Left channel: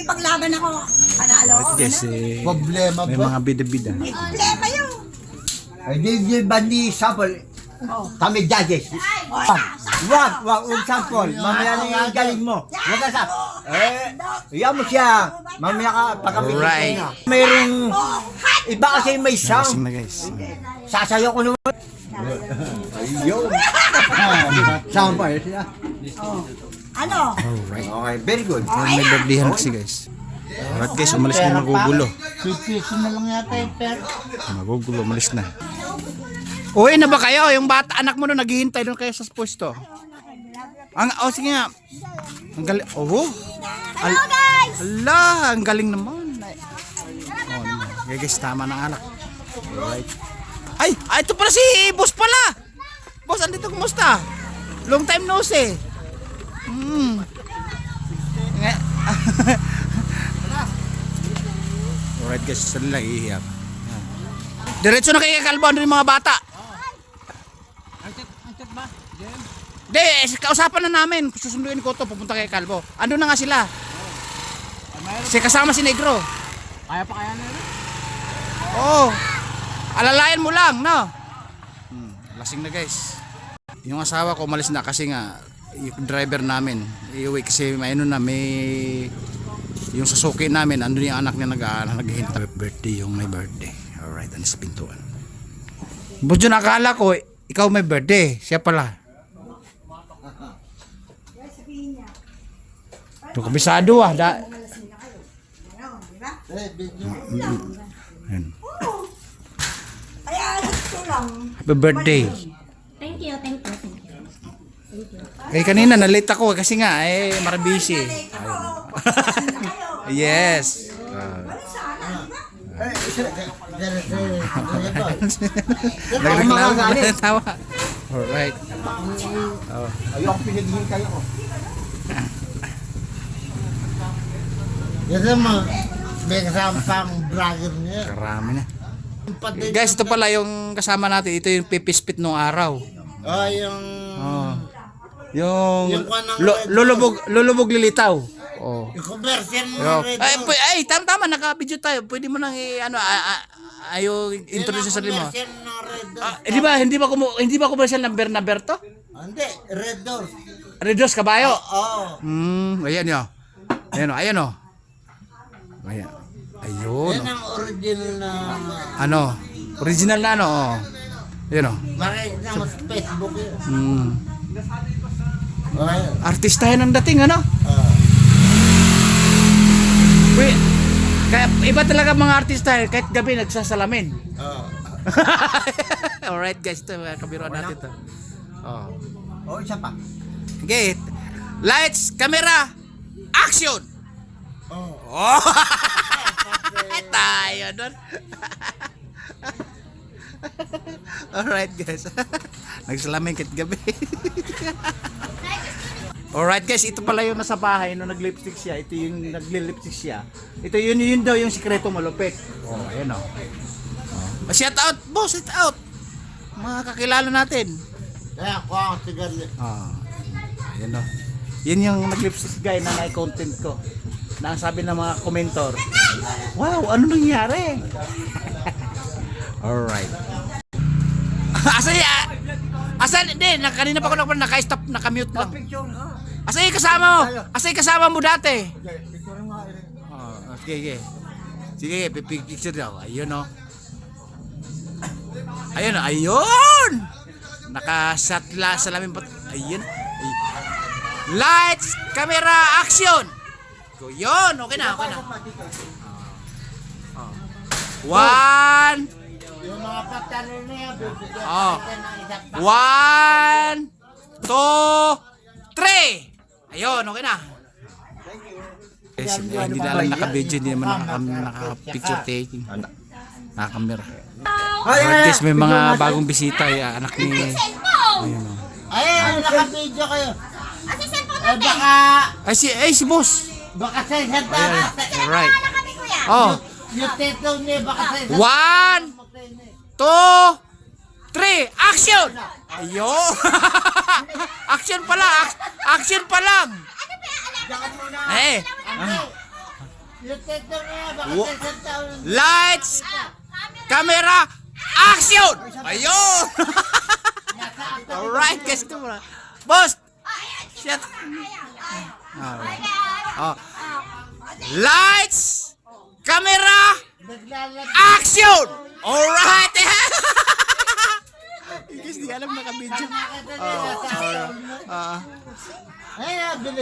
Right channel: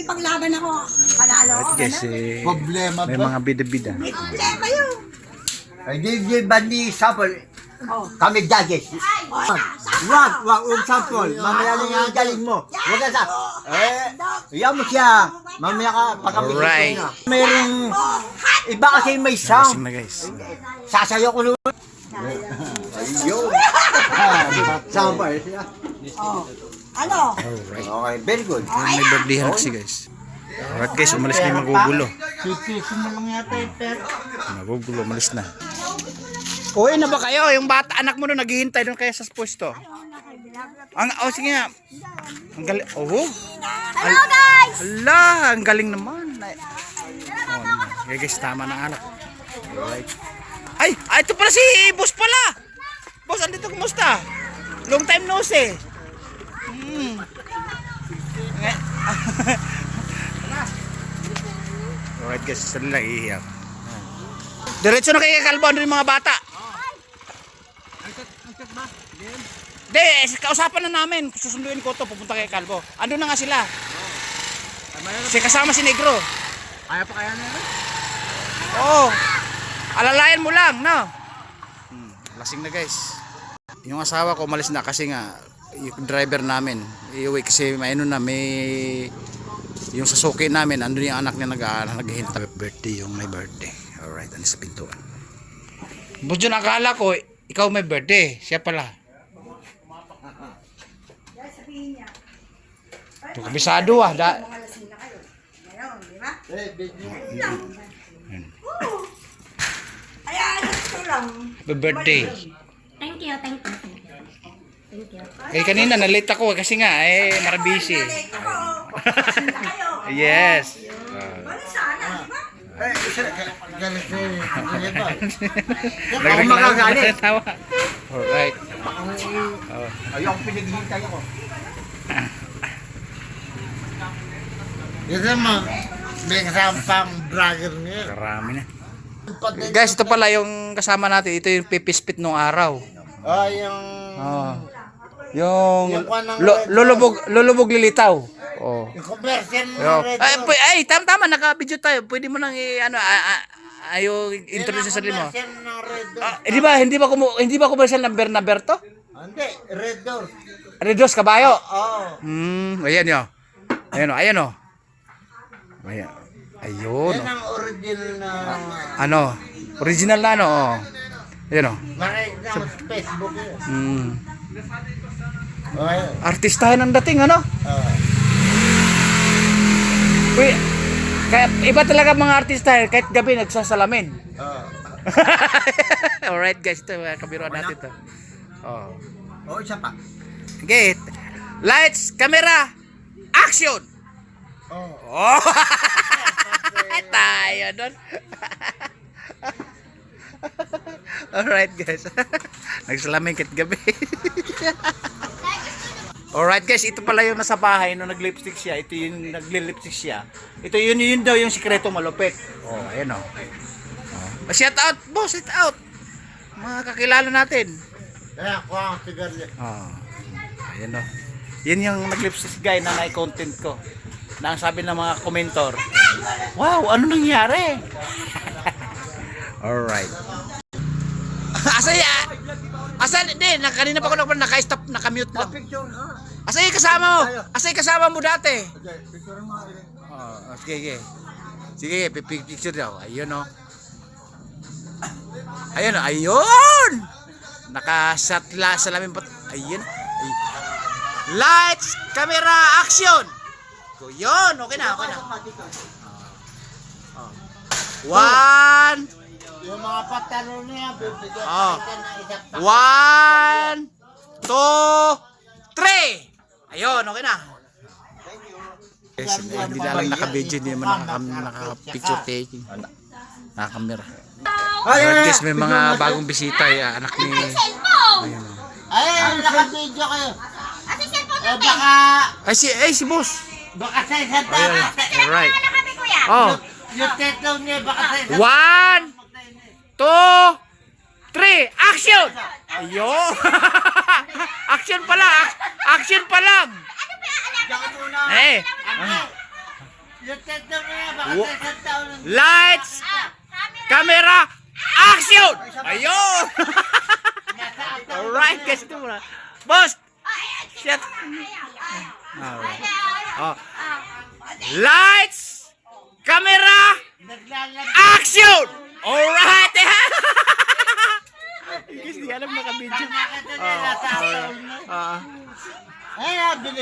Ipaglaban ako. Panalo ko. Kasi Problema may ba? mga bida-bida. May problema yun. Ay, di bandi sample. Kami judges. Wag, sample. Mamaya na yung galing mo. Wag ka sa. Iyan mo siya. Mamaya ka pagkapitin Alright. na. Mayroong iba kasi may Lasing sound. na guys. Sasayaw ko nun. Ayun. Sample siya. Ano? Okay, very good. May birthday kasi guys. Alright guys, umalis na yung magugulo. Pipiso na lang yata yung pera. Magugulo, umalis na. Uwi na ba kayo? Yung bata, anak mo doon, naghihintay doon kayo sa pwesto. Sige nga. Ang galing. Oh. Hello guys! Hala, ang galing naman. Okay guys, tama na anak. Alright. Ay, ito pala si boss pala. Boss, andito, kumusta? Long time no see. Alright guys, saan lang iiyak. Diretso na kayo kalbo, ano yung mga bata? Hindi, kausapan na namin. Susunduin ko to, pupunta kay Kalbo. Ando na nga sila. Kasi kasama si Negro. Kaya pa kaya nila? Oo. Alalayan mo lang, no? Lasing na guys. Yung asawa ko umalis na kasi nga yung driver namin iuwi kasi may ano na may yung sasuki namin andun yung anak niya naghihintay. Birthday yung may birthday. Alright, ano sa pintuan. Budyo na akala ko ikaw may birthday. Siya pala. Ito kabisado ah. Malasing na kayo. Ngayon, di ba? Kaya gusto lang. Happy birthday. Thank you, thank you, thank you. Thank you. Eh kanina na-late ako kasi nga marabisi. Nalate ako. Malasing na kayo. Yes. Wala sana, di ba? Nagreklamo. Alright. Ayaw ang pinaghihintay ako. Yan naman, may kasama pang brother niya. Karami na. Guys, ito pala yung kasama natin. Ito yung pipispit nung araw. Yung... Oh. Yung Yung kanang lulubog lilitaw. Oh. Yung commercial Yo. na red. Tama, naka-video tayo. Pwede mo nang ayo introduce sa sarili mo. Commercial ng red doors. Hindi ba commercial number to? Hindi, red doors. Redos kabayo. Oo. Ayan yo. Ayan oh. Ayan. Ayun. Yan ang original na... Ano? Original na ano? Oh. Ayan oh. Makikita mo sa Facebook yun. Artistahin ang dating ano? Uy, kaya iba talaga mga artista kahit gabi nagsasalamin. Alright guys, ito kabiruan natin to. Oh. Isa pa. Okay. Lights, camera, action. Oh. Tayo doon. Alright guys. Nagsalamin kahit gabi. Alright guys, ito pala yung nasa bahay nung nag-lipstick siya. Ito yung nagli-lipstick siya. Ito yun daw yung sikreto malupit. Oh, ayan oh. Shout out, boss, shout out. Mga kakilala natin. Kaya ako ang sigarilyo. Oh. Ayan oh. Yun yung nag-lipstick guy na na-content ko. Na ang sabi ng mga komentor, wow, ano nangyari? Alright. Asan, hindi, kanina pa ako naka-stop, naka-mute lang. Asa yung kasama mo? Asa yung kasama mo dati? Sige. Sige, picture daw. Ayun o. Ayun! Naka-shot sa lamin pa. Ayun. Lights, camera, action! Yun, okay na. One. Yung mga patalo niya, bibigyan Oh. natin ng isang 1, 2, 3. Ayun, okay na. Yes, hindi na lang naka-video, hindi naman naka-picture taking. Naka-camera. Alright guys, may mga bagong bisita, anak ni... Ayun o. Ay, naka-video kayo. Baka... Ay, si boss. Baka sa isang Ayun, dapat. alright. Oh, Yung tetlo niya, baka sa isang 1, 2, 3, action! Ayun. Action pa lang. Eh. Lights, camera, action! Ayun! Alright guys, ito muna. Boss! Shit! Alright. Oh. Lights, camera, action! Alright! Guys, di alam naka-video.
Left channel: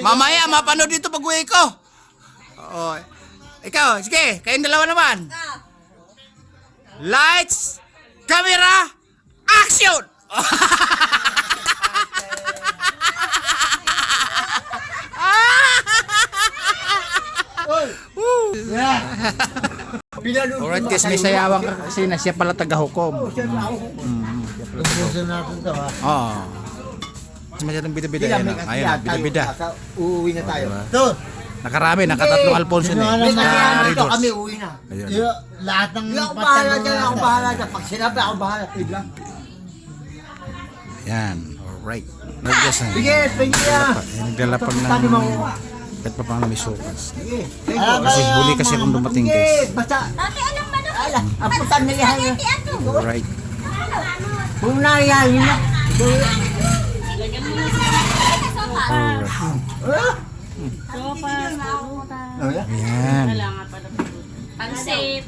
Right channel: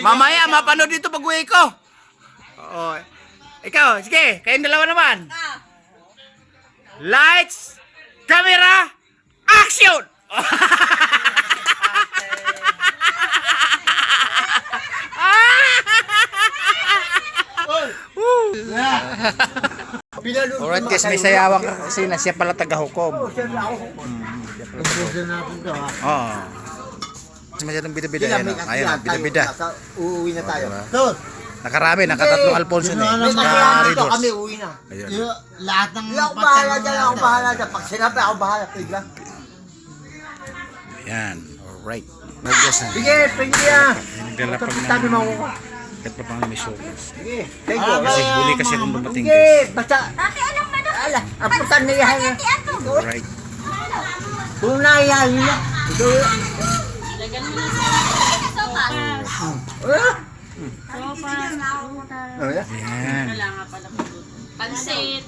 Mamaya, mapanood dito pag uwi ko. Oh. Ikaw, sige, kayong dalawa naman. Lights, camera, action! Alright guys, may sayawang ka kasi na siya pala taga-hukom. Ubusin natin to ha. Oo. Masyadong bida-bida yan. Ayun, bida-bida. Uuwi na tayo. Diba? To. Nakarami, nakatatlong Alfonso na eh. May kasiyahan dito Naka-redoors. kami uwi na. Ayun. Lahat ng Ako bahala dyan, ako bahala dyan. Pag sinabi ako bahala. Tigla. Ayan, alright. Nagdas na. Sige, pwede yan. Naglalapag Tabi mo. ng... Kahit pa pang may sukas. Sige, thank you. Kasi huli kasi akong dumating Sige, guys. basta. Dati alam mo na. Ala, aputan na yan. Alright. Kung naiyahan nyo na. Ito. Ayan. Pansit.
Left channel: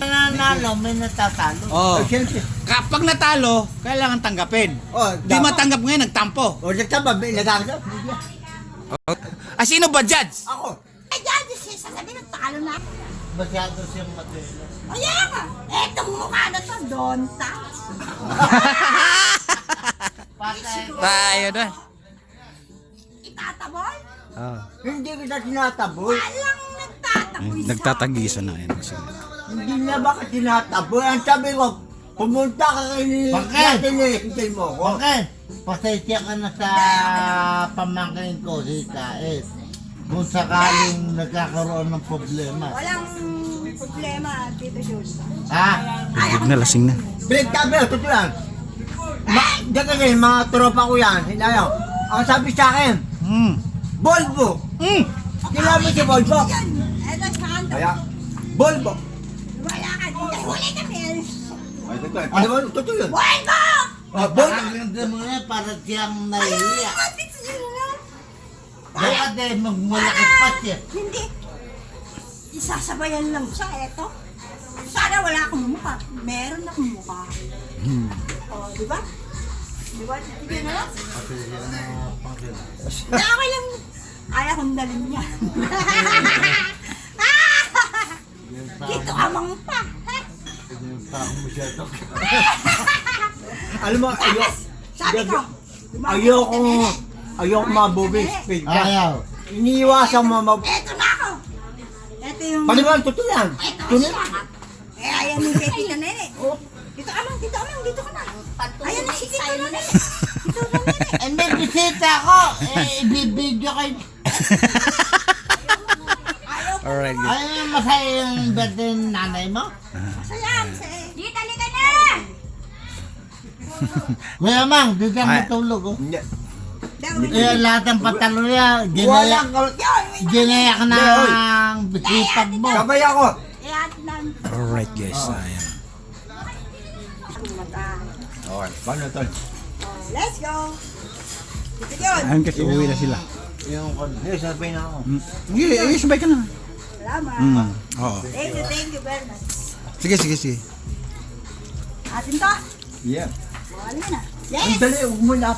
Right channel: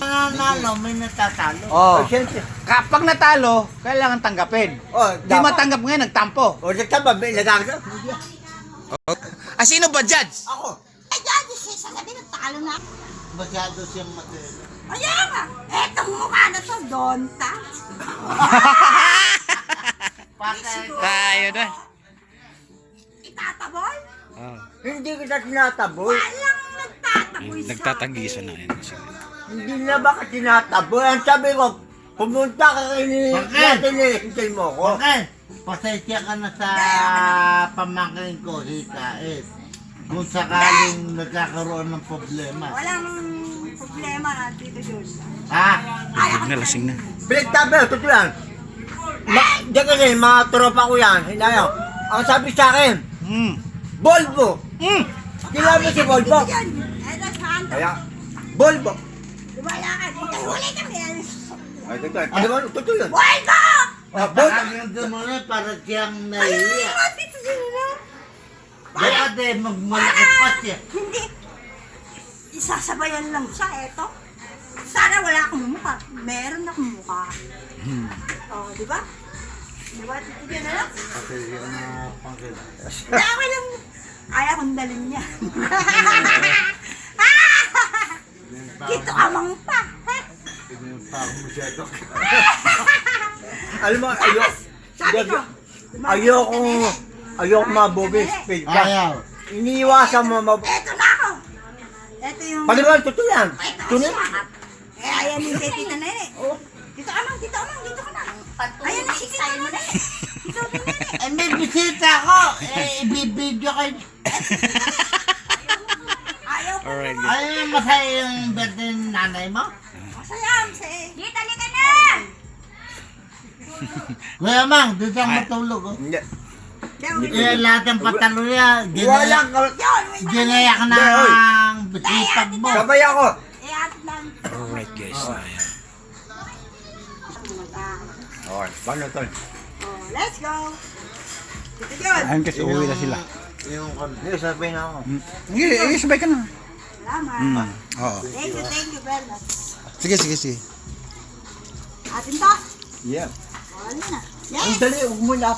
nanalo, may natatalo. Oh. Siyempre. Kapag natalo, kailangan tanggapin. Oh, Di matanggap ngayon, nagtampo. O, nagtamba, nagkakita. Ah, sino ba judge? Ako. Ay, dati siya sasabihin ng talo na. Masyado siyang matino. Ayan nga. Etong mukha na to, don't touch. Tayo na. Itataboy? Hindi kita tinataboy. Walang nagtataboy sa Nagtatagisa na yan. Hindi na baka tinataboy. Ang sabi ko, pumunta ka kay Bakit? hinihintay mo ko. Okay, pasensya ka na sa pamangkin ko, si Kaet. Kung sakaling nagkakaroon ng problema. Walang problema, Tito Jules. Ha? Bigod na, lasing na. Pinagtabi, totoo yan. Diyan kasi, mga tropa ko yan. Hinayo. Ang sabi sa akin, Volvo. Kilala mo si Volvo? Yan. Ay, nasaan to? Kaya, Volvo. Wala ka. Huli kami. Ay, totoo. Ano ba? Totoo yun. Volvo! Volvo. Pakaganda mo na para siyang nahihiya. Bakit sila? Kaya din, magmalakit pa siya. Hindi. Isasabayan lang siya, eto. Sana wala akong mukha. Meron akong mukha. Oh, di ba? Di ba? Hindi na lang. Hindi, okay lang. Kaya kong dalhin niya. Dito ka mang pa. Alam mo, Sabi ko. ayoko mabobe speed. Ayaw. Iniiwasan mo mabobe. Eto na ako. Eto yung... Paliwan, totoo yan. Ito Tunay. siya. Eh, ayan yung Tita Nene. Oh. Dito ka mang, dito ka mang, dito ka na. Ayan na si Tita Nene. Dito na Nene. Eh, may bisita ko. Ibibidyo kayo. Ayaw ko. Alright. Ay, masaya yung birthday ng nanay mo? Masaya. Dito, halika na. Kuya Mang, dito ang matulog. Oh. Hindi. Eh, lahat ng patalo niya, Walang ginayak na Oy. ang bisipag mo. Sabay ako. Eh, at lang. Alright guys. Ayan. Okay, paano ito? Oh, let's go. Dito yun. Ayan kasi uwi na sila. Hindi, sabay na ako. Sige, sabay ka na. Salamat. Oo. Thank you very much. Sige, sige, sige. Atin to. Yeah. Oh, ano na? Ang Yes. dali, huwag mo na.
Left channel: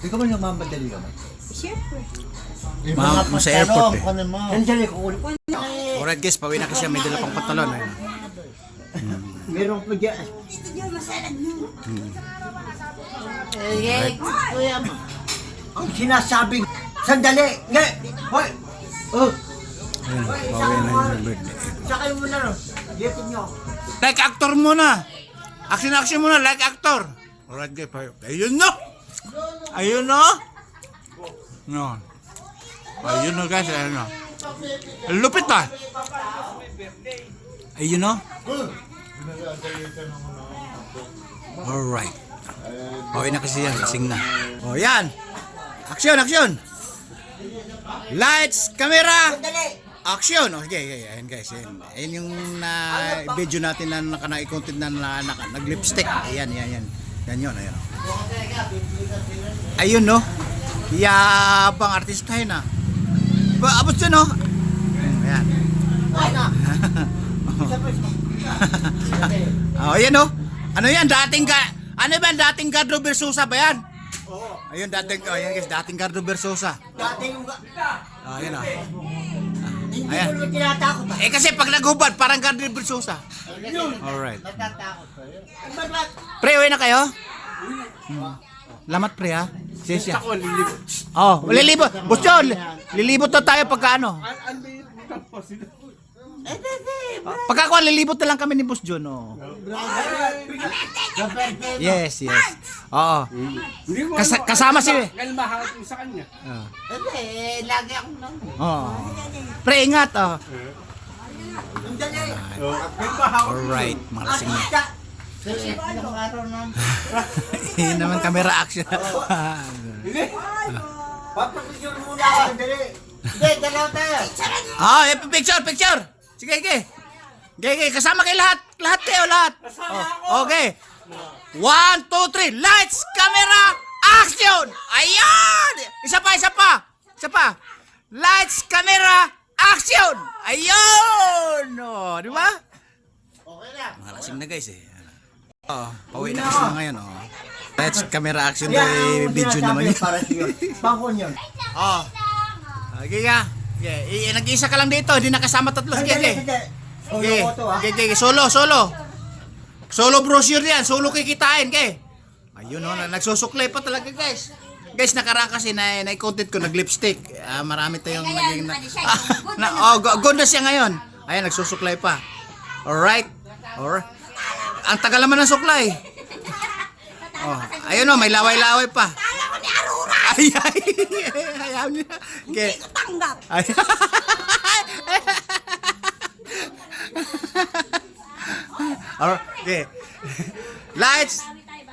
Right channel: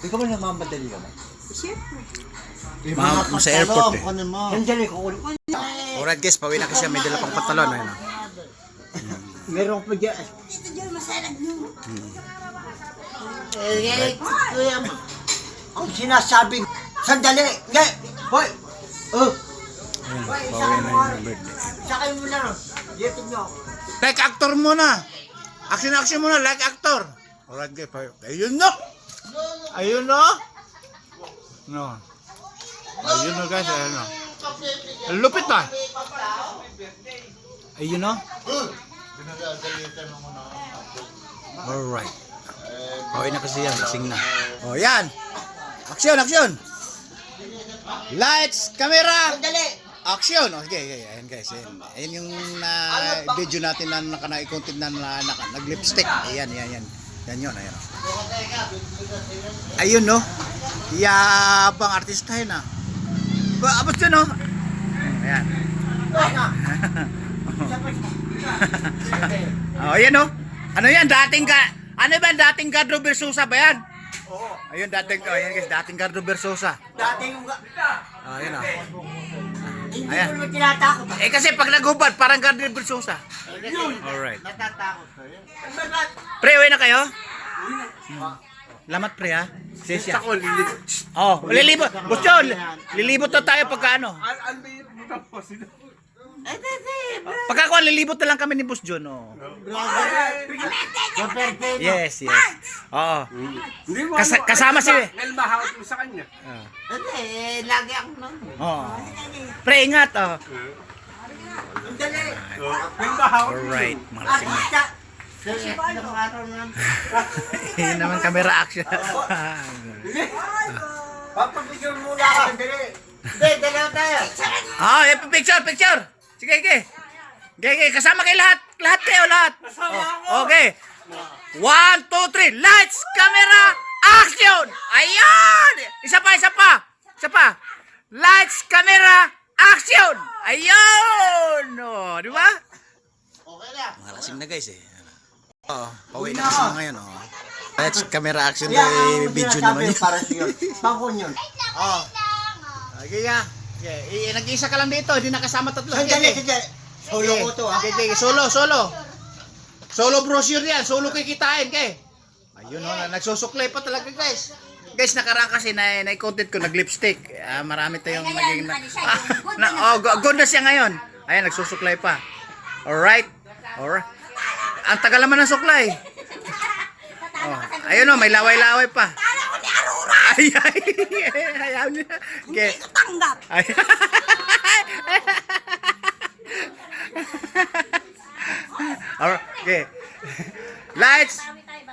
Ikaw mo namamadali ka ba? Siyempre. Sa airport eh. Ang dali, kukulit. Alright guys, pauwi na kasi siya. May dala pang pantalon. Ayun. Meron pa dyan. Dito yun, masalag nyo. Kuya Mang. Ang sinasabi, sandali. Nga, hoy. Oh, Ayun, pauwi na yung birthday. sakay mo na ron. Dito nyo. Like actor muna. Action muna, like actor. Alright guys, ayun no. Ayun no. No. Ayun no guys, ayun no. Lupit ah. Ayun no. Alright. Pauwi na kasi yan, lasing na. Oh yan. Action. Lights, camera, Sandali. Action! Okay, ayan guys. Ayan yung video natin na naka-content na nag-lipstick. Ayan. Yan yun. Ayan. Ayun, no? Yabang artista yun, ah. Abot yun, no? Ayan. Oh, ayan, no? Ano yan? Ano ba yung dating Gardo Versosa ba yan? Oo. Ayun, ayan guys, dating Gardo Versosa. Dating yung... Ayan, oh. Hindi Ayan. ko naman tinatakot. Kasi pag nagubad, parang Gardo Versosa. Alright. Natatakot kayo. Pre, uwi na kayo? Lamat pre, ha? Sesya. Oh, lilibot. Boss John, lilibot to tayo pagka ano. Pagkakuan, lilibot na lang kami ni Boss John, oh. Yes. Oo. Kasama si... Dahil mahawak mo sa kanya. Hindi, lagi ako nang. Oh. Pre, ingat, oh. May mahawak. Alright, mga lasing na. Kasi ilang araw na. Yun naman, camera action. Papapigyan muna ako. Dali. Hindi, dalaw tayo. Ah, picture. Sige. Kasama kayo lahat. Lahat kayo. Oh, okay. 1, 2, 3. Lights, camera, action! Ayan! Isa pa. Lights, camera, action! Ayun! Oh, di ba? Okay na. Mga lasing na guys eh. Oh, pauwi na kasi ngayon, oh. Lights, camera, action, video naman yun. Para siya. Bangkon yun. Oh. Okay ka. Okay. Nag-iisa ka lang dito, hindi nakasama tatlo. Sige. Solo ko to, ha? Okay. Solo brochure yan, solo kikitain, kay. Ayun, oh, nagsusuklay pa talaga, guys. Guys, nakaraan kasi na content ko nag-lipstick. Marami tayong naging good na siya ngayon. Ayan, nagsusuklay pa. Alright. Ang tagal naman ng suklay. Oh, ayun, oh, may laway-laway pa. Kala ko ni Aurora. Ayaw niya. Okay. Hindi ko tanggap. Okay. Lights,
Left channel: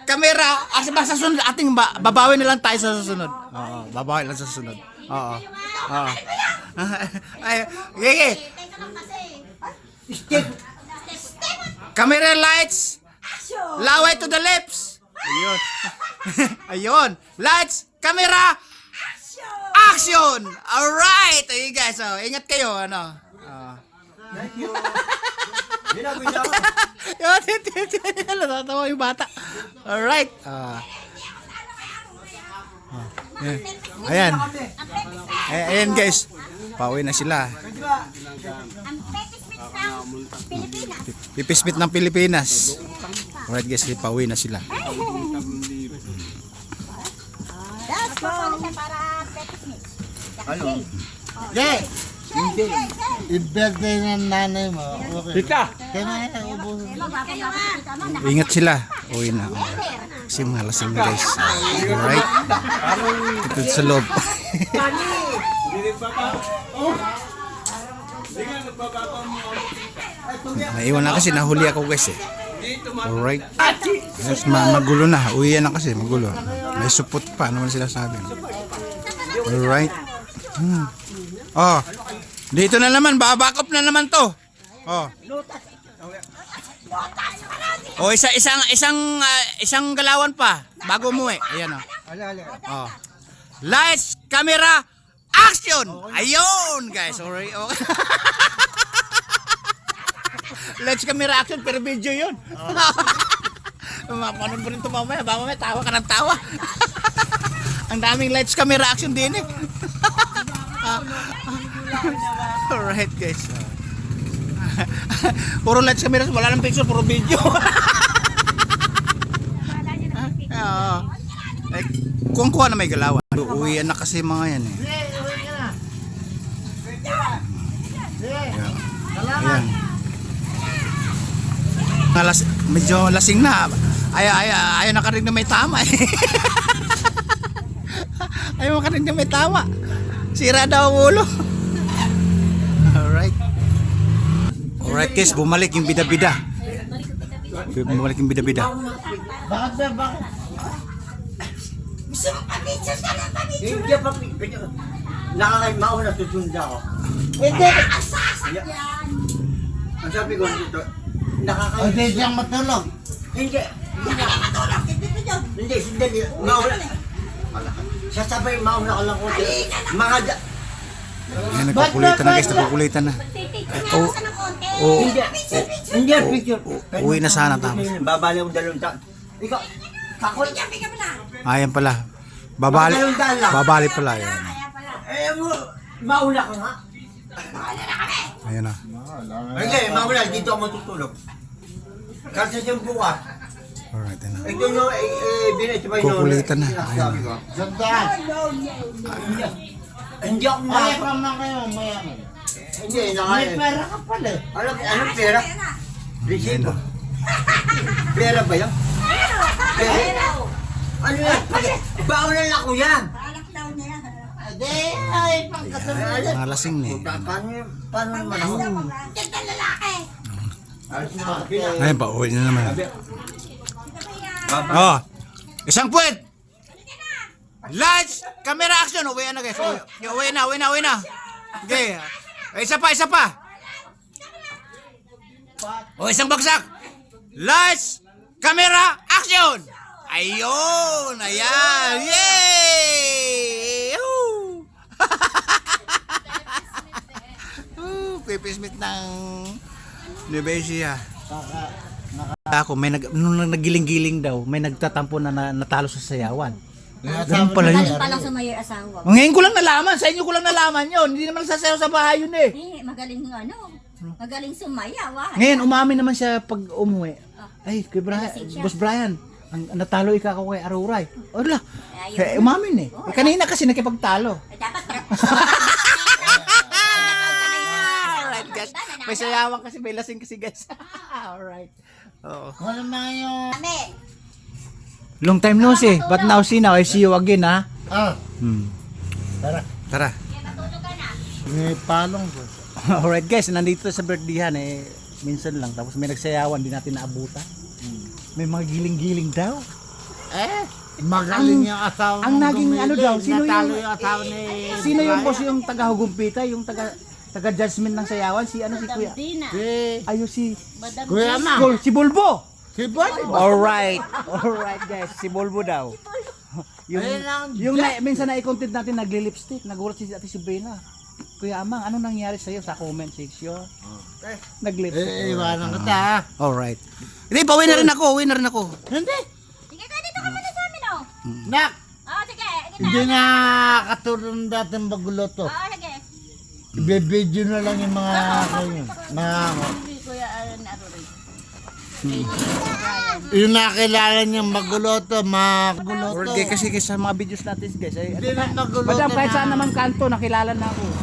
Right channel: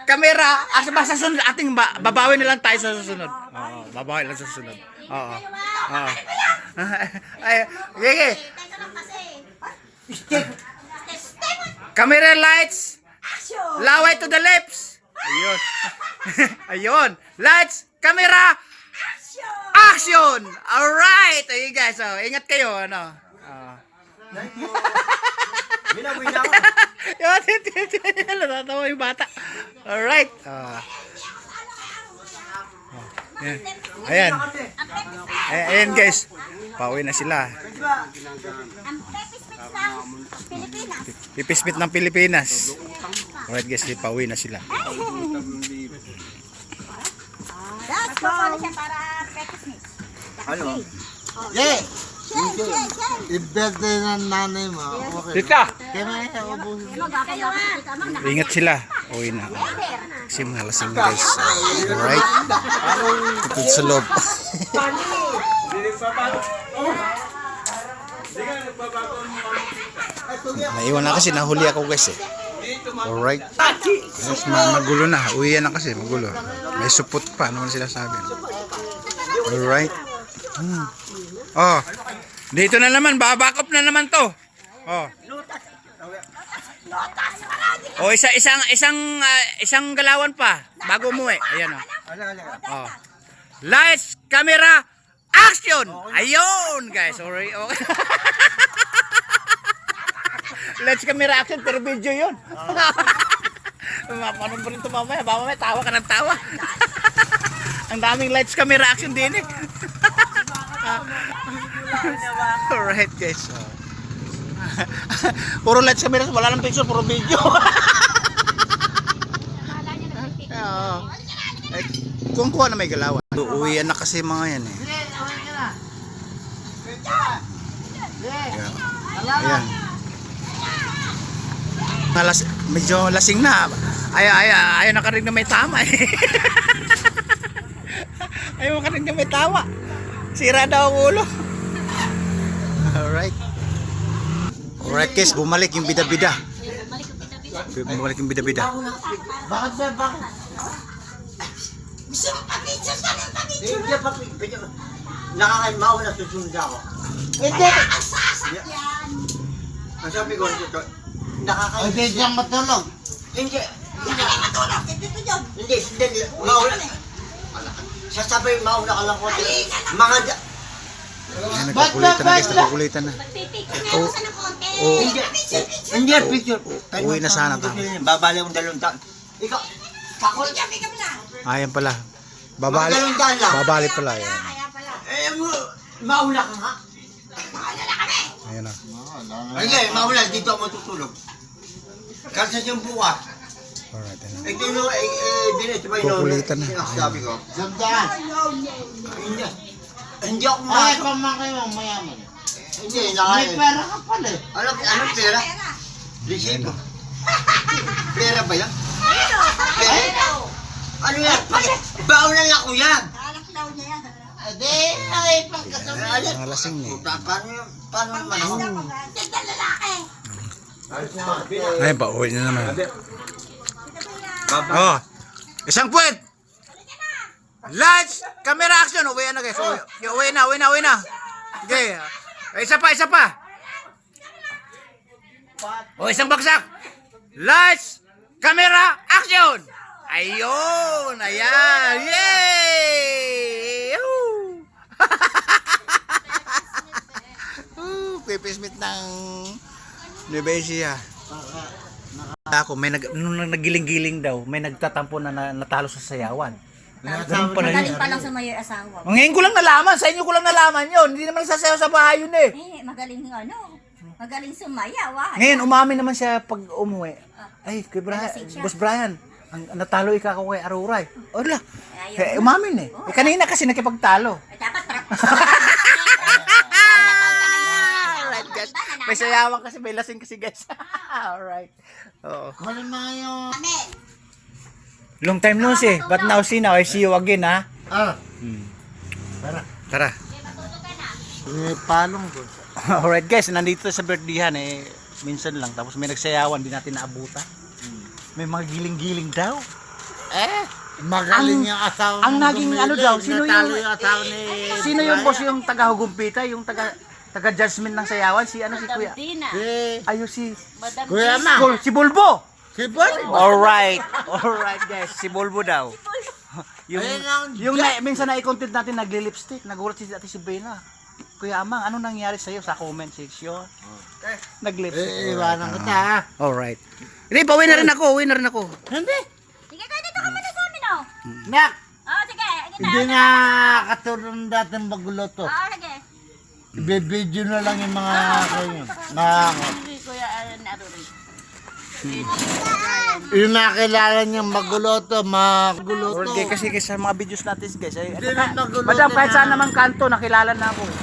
camera, sa susunod ating babawi na lang tayo sa susunod. Oo, babawi lang sa susunod. Oo. Ay, okay. Camera, lights, laway to the lips. Ayun. Lights, camera, action. Alright. Ayun guys, oh, ingat kayo, ano. Binawi niya ako. Natatawa yung bata. Alright. Ayan. Ayan guys. Pauwi na sila. Ang Pilipinas. Pipispit ng Pilipinas. Alright guys, pauwi na sila. Tapos papalo siya para Pekismis. Ano? Yeah. Hindi. I-birthday ng nanay mo. Okay. Tita! Kaya na ubusin. Ingat sila. Uwi na. Kasi mga lasing na guys. Alright. Ito sa loob. Naiwan na kasi, nahuli ako guys eh. Alright. Yes, magulo na. Uwi na kasi, magulo. May supot pa. Ano man sila sabi. Alright. Oh. Dito na naman, back up na naman to. Oh. Oh, isang galawan pa bago umuwi. Ayan oh. Oh. Lights, camera, action. Ayun, guys. Sorry. Okay. Lights, camera, action pero video 'yun. Mapanood mo rin ito mamaya. Mamaya tawa ka ng tawa. Ang daming lights, camera, action din eh. Alright guys. Puro lights, camera, wala nang picture, puro video. Kung kuha na may galawan. Uwian na kasi mga yan eh. Ayan. Medyo lasing na. Ayaw nakarinig na may tama eh. Ayaw makarinig na may tawa. Sira daw ang ulo. Alright. Alright guys, bumalik yung bida-bida. Bumalik yung bida-bida. Bakit? Gusto mo pa-picture sa ng pa-picture? Hindi pa. Nakakain mauna susunod ako. Hindi. Ang sasakyan. Ang sabi ko dito, Ang nakakain. di siyang matulog. Hindi. Hindi ka matulog. Dito yun. Hindi, hindi. Mauna. Sasabay, mauna ka lang ko. Mga Ayan, nagkukulitan na guys, nagkukulitan na. Pipicture nga Oh. ako sa ng konti. Oh, Hindi. Hindi, picture. uwi na sana tapos. Babali ang 2 taon. Ikaw, takot. Bigyan mo na. Ayan pala. Babali. Babali pala yan. Kaya pala. Eh, mauna ka nga. Mahala na kami. Ayan na. Hindi, mauna. Dito ako matutulog. Kasi yung bukas. Alright, ayan na. Ito yung, dinito ba Kukulitan na. Sinasabi ko. Sandaan. Hindi ako Ay, masok. pamangkin mo, mayaman. Hindi, May pera ka pala eh. Anong pera? Pera. Resibo. Pera ba yan? Pera? Ano yan? Baunan ako yan. Alak daw niya yan. Hindi, ay, pagkatulog. Mga lasing na eh. Paano naman ako? Ganda lalaki. Ayan pa, uwi na naman. Oh, isang puwet! Lights! Camera action! Uwi na guys. Uwi na. Okay. Isa pa. O, isang bagsak! Lights! Camera action! Ayun! Ayan! Yay! Woo! Pipismit ng Nebesia. Ako, nung nagiling-giling daw, may nagtatampo na natalo sa sayawan. Ganun pala yun. Magaling pa lang sumayo yung asawa. Ngayon ko lang nalaman, sa inyo ko lang nalaman yun. Hindi naman nagsasayaw sa bahay yun eh. Magaling magaling sumayaw. Ngayon, umamin naman siya pag umuwi. Ay, kay Nalasing siya. Boss Brian, ang natalo ikaw kay Aruray. Ola, Ayun. umamin eh. Kanina kasi nakipagtalo. Dapat Alright guys, may sayawan kasi, may lasing kasi guys. Alright. Oo. Wala na yung... Kami. Long time no see, but now see now, I see you again ha. Tara. Tara. May palong ko. Alright guys, nandito sa birthdayhan eh, minsan lang, tapos may nagsayawan, di natin naabutan. May mga giling-giling daw. Magaling yung asawa. ang ng naging Dumili. ano daw, sino Natalo yung- asawa ni... Sino yung boss yung taga-hugumpita, yung taga-judgment ng sayawan? Si ano si Kuya? Ayun si Kuya na. Si Bulbo. Si Bon. Alright guys, si Bulbo daw. yung Ayun ang minsan na i-content natin nagli-lipstick, nagulat si Ate si Bena. Kuya Amang, ano nangyari sa iyo sa comment section? Nag-lipstick. Iwanan kita ha. Alright. Hindi, pauwi na rin ako. Hindi. Sige, tayo dito ka muna sa amin oh. Nak. Oh, sige. Hindi na katulong dating magluto. Oh, sige. Bibidyo na lang yung mga kayo. Kuya Aaron Aruri. Yung nakilala niyang magluto, magluto. Alright kasi sa mga videos natin guys. Hindi na magluto Madam, kahit na. saan naman kanto, nakilala na ako eh.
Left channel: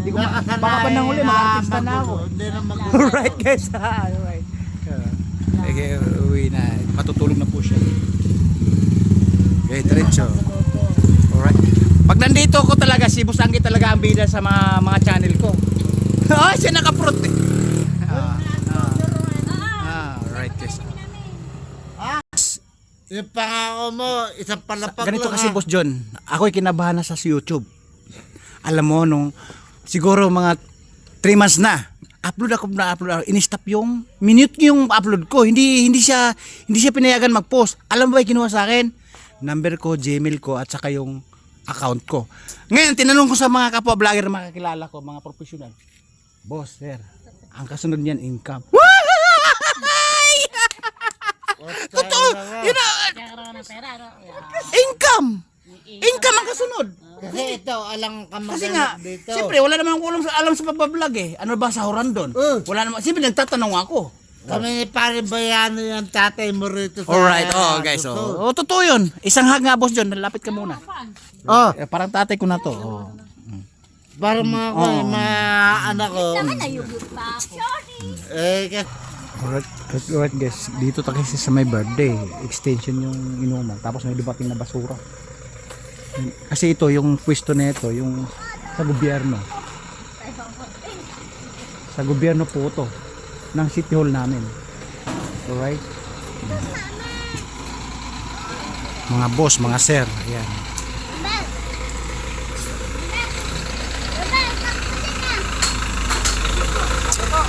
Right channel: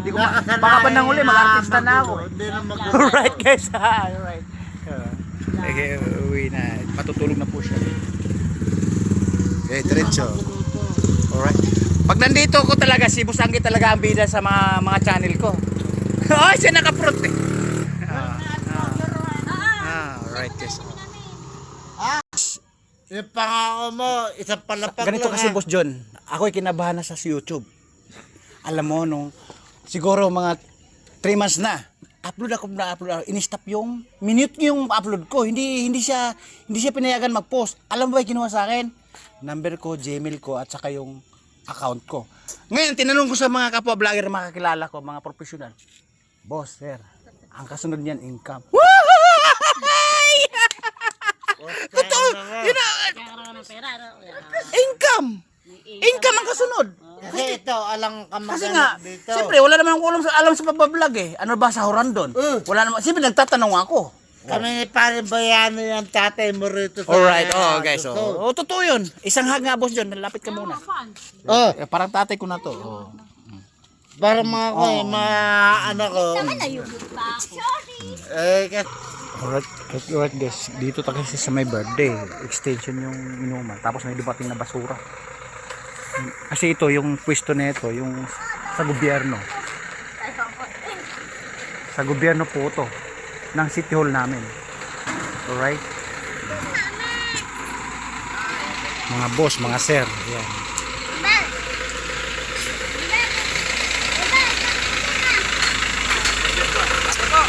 Hindi ko Nakasanayan baka pa nang uli, mag-artista na ako eh. Hindi na magluto. Alright guys, alright. Okay, uwi na. Matutulog na po siya. Okay, diretso. Alright. Pag nandito ko talaga, si Busanggi talaga ang bida sa mga channel ko. Oh, siya naka-fruit eh. Alright guys. Yung pangako mo, isang palapag Ganito lang, kasi ha? Boss John, ako'y kinabahan na sa YouTube. Alam mo, nung siguro mga 3 months na, upload ako, in-stop yung minute yung upload ko. Hindi siya pinayagan mag-post. Alam mo ba yung kinuha sa akin? Number ko, Gmail ko, at saka yung account ko. Ngayon, tinanong ko sa mga kapwa vlogger na makakilala ko, mga professional. Boss, sir, ang kasunod niyan, income. Totoo, yun na, income ang kasunod. Kasi ito, alang ka Kasi nga, dito. siyempre, vlog alam sa pagbablog eh. Ano ba sa doon? Wala naman, siyempre nagtatanong ako. Kami pare bayano yung tatay mo rito sa... Alright, guys. Totoo yun. Isang hag nga, Boss John, lapit ka muna. Parang tatay ko na to. Para mga ko, mga anak ko. Kasi Alright guys, dito tayo kasi sa may birthday. Extension yung inuman. Tapos may dumating na basura. Kasi ito, yung pwesto na ito, yung sa gobyerno. Sa gobyerno po ito. Ng city hall namin. Alright? Mga boss, mga sir. Ayan.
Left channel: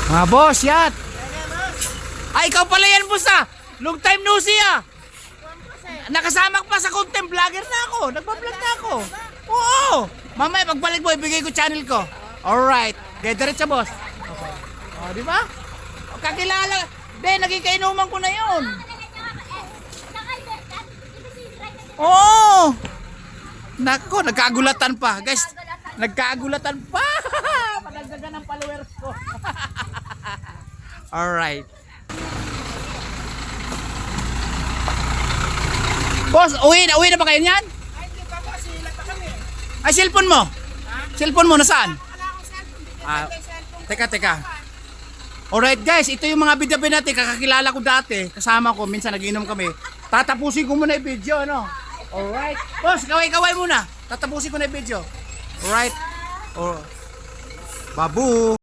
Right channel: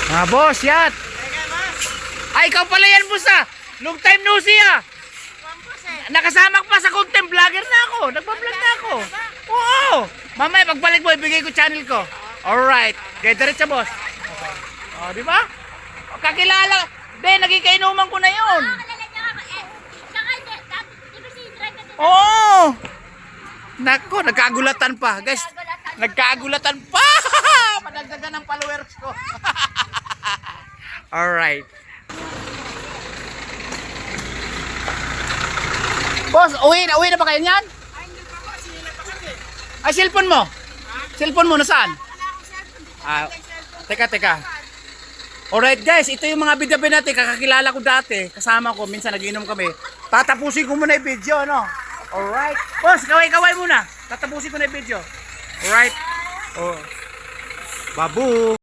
Mga boss, yat. Ay, ikaw pala yan, boss ah. Long time no see ah. Nakasama ko pa sa content vlogger na ako. Nagpa-vlog na ako. Oo. Mamaya pagbalik mo, ibigay ko channel ko. Alright. Kaya diretso, boss. Okay. O, di ba? O, kakilala. Be, naging kainuman ko na yun. Oo. Nako, nagkagulatan pa. Guys, nagkagulatan pa. Madagdagan ng followers ko. Alright. Boss, uwi na ba kayo niyan? Ay, cellphone mo? Cellphone mo, nasaan? Teka. Alright guys, ito yung mga bidabi natin. Kakakilala ko dati. Kasama ko, minsan nagiinom kami. Tatapusin ko muna yung video, no? Alright. Boss, kaway-kaway muna. Tatapusin ko na yung video. Alright. Oh. Babu.